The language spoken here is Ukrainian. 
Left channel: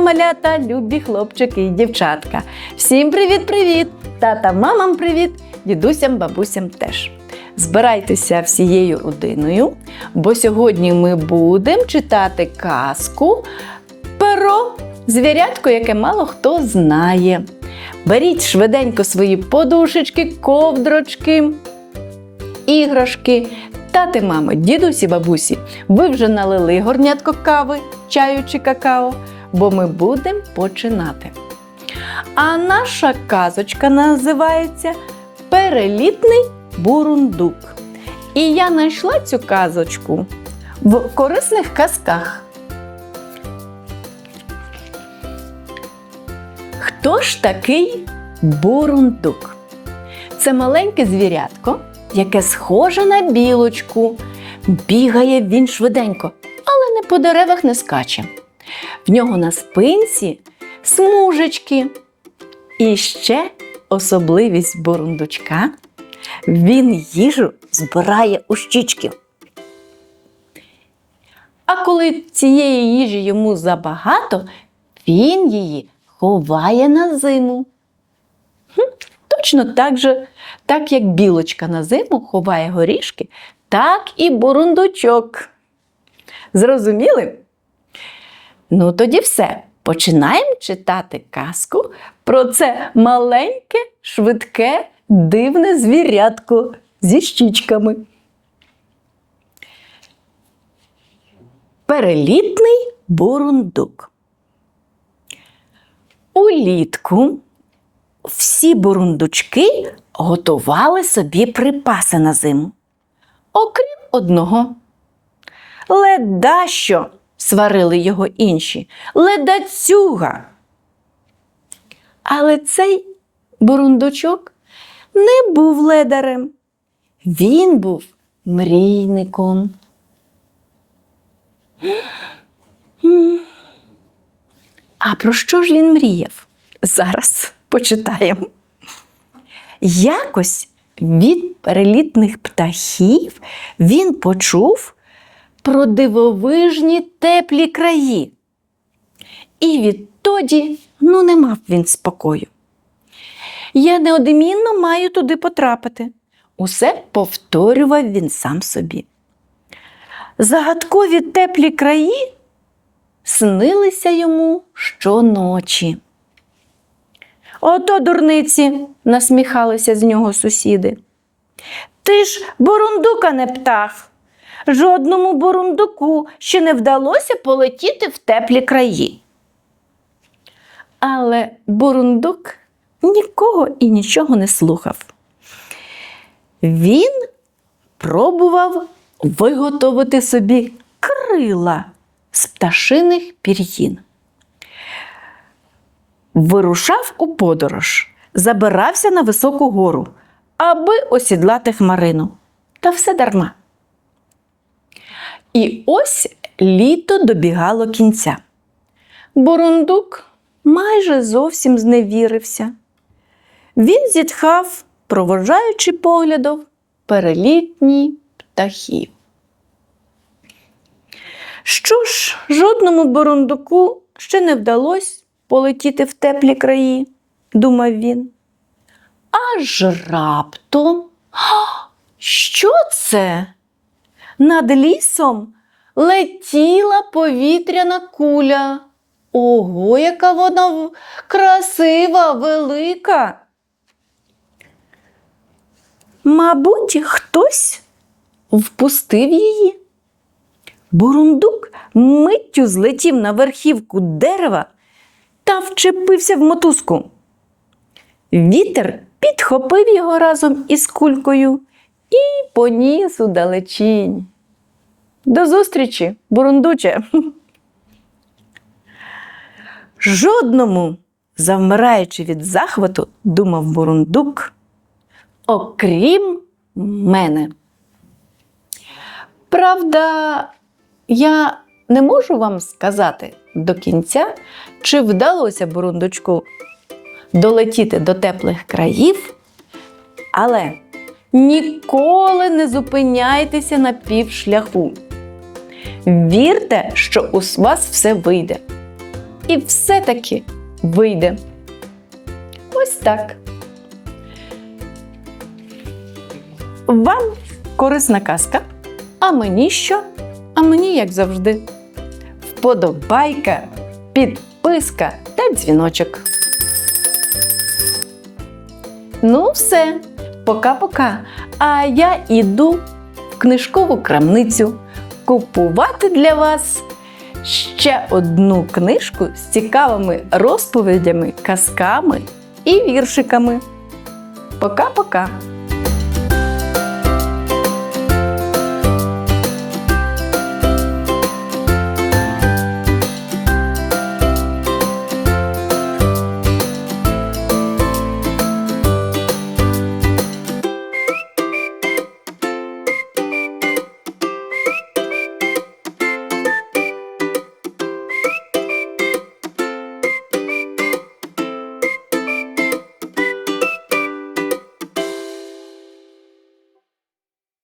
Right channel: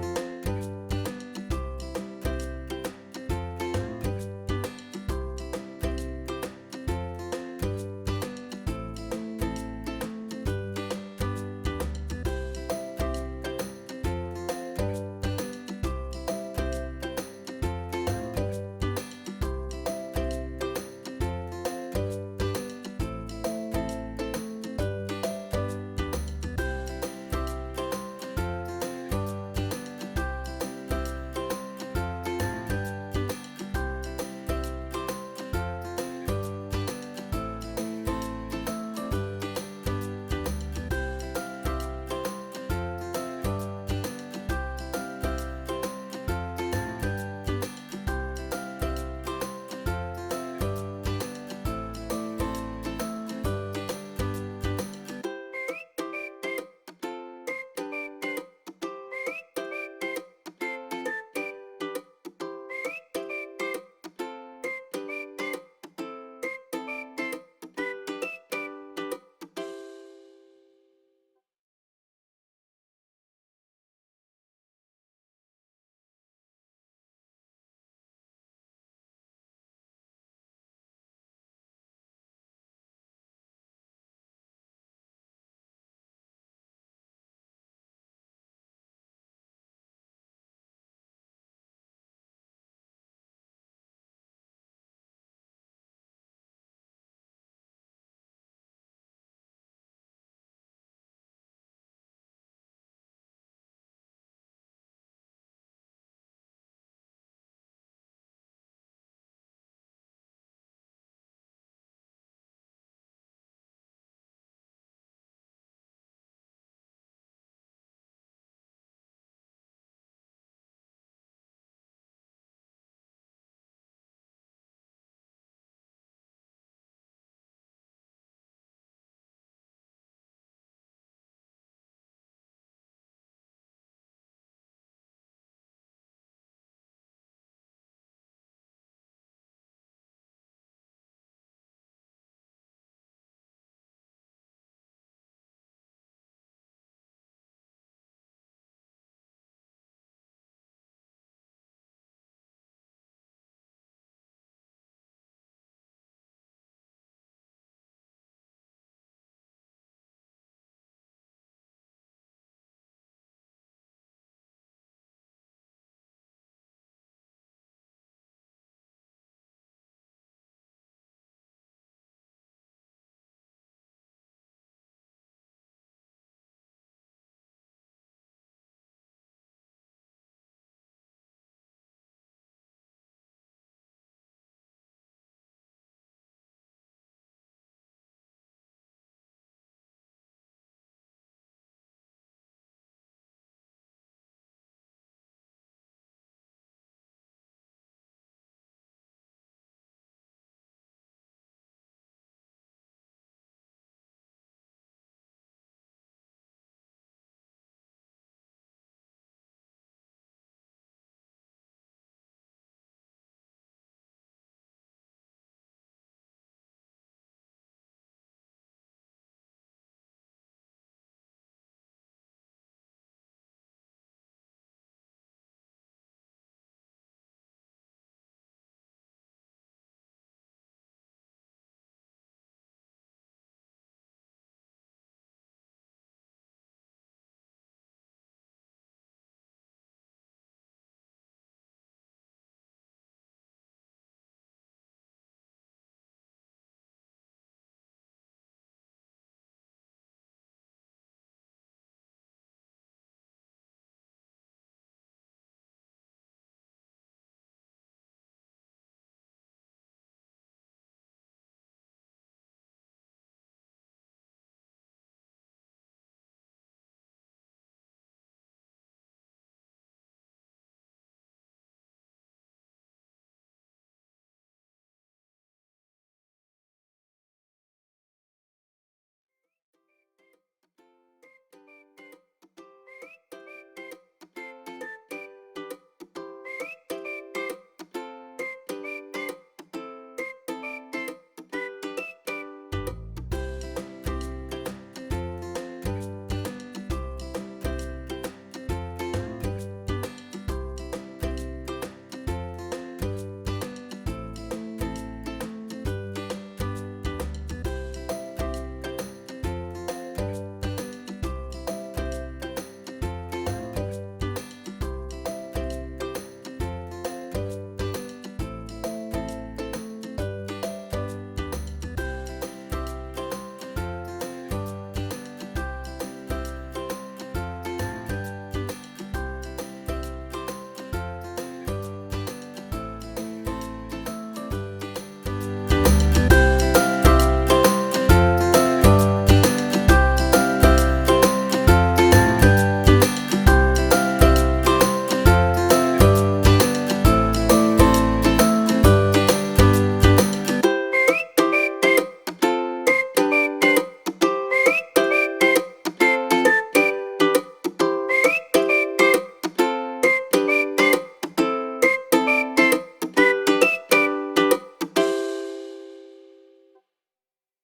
Малята, любі хлопчики і дівчатка. Всім привіт-привіт! Тата, мамам привіт, дідусям, бабусям теж. Збирайтеся всією родиною, бо сьогодні ми будемо читати казку про звірятко, яке мало хто знає. Беріть швиденько свої подушечки, ковдрочки, іграшки. Тати, мами, дідусі, бабусі, ви вже налили горнятко кави, чаю чи какао, бо ми будемо починати. А наша казочка називається Перелітний бурундук. І я знайшла цю казочку в корисних казках. Хто ж такий бурундук? Це маленьке звірятко, яке схоже на білочку. Бігає він швиденько, але не по деревах не скаче. В нього на спинці смужечки. І ще особливість бурундучка він їжу збирає у щічки. А коли цієї їжі йому забагато, він її ховає на зиму. Хм, Точно так же, так як білочка на зиму ховає горішки, так і бурундучок. Зрозуміли? Ну, тоді все. Починаємо читати казку про це маленьке, швидке, дивне звірятко зі щічками. Перелітний бурундук. Улітку всі бурундучки готували собі припаси на зиму. Окрім одного. Ледащо, сварили його інші, ледацюга. Але цей бурундучок не був ледарем. Він був мрійником. А про що ж він мріяв? Зараз почитаємо. Якось від перелітних птахів він почув про дивовижні теплі краї. І відтоді ну, не мав він спокою. Я неодмінно маю туди потрапити. Усе повторював він сам собі. Загадкові теплі краї снилися йому щоночі. Ото дурниці, насміхалися з нього сусіди. Ти ж бурундука не птах. Жодному бурундуку ще не вдалося полетіти в теплі краї. Але бурундук нікого і нічого не слухав. Він пробував виготовити собі крила з пташиних пір'їн. Вирушав у подорож, забирався на високу гору, аби осідлати хмарину. Та все дарма. І ось літо добігало кінця. Бурундук майже зовсім зневірився. Він зітхав, провожаючи поглядом перелітні птахів. Що ж, жодному бурундуку ще не вдалося полетіти в теплі краї, думав він. Аж раптом. Що це? Над лісом летіла повітряна куля. Ого, яка вона красива, велика. Мабуть, хтось впустив її. Бурундук миттю злетів на верхівку дерева та вчепився в мотузку. Вітер підхопив його разом із кулькою і поніс у далечінь. До зустрічі, бурундуче. Жодному, завмираючи від захвату, думав бурундук, окрім мене. Правда, я не можу вам сказати до кінця, чи вдалося бурундучку долетіти до теплих країв, але ніколи не зупиняйтеся на півшляху. Вірте, що у вас все вийде. і все-таки вийде. Ось так. Вам корисна казка. А мені що? А мені, як завжди, вподобайка, підписка та дзвіночок. Ну, все, пока-пока. А я іду в книжкову крамницю купувати для вас ще одну книжку з цікавими розповідями, казками і віршиками. Пока-пока!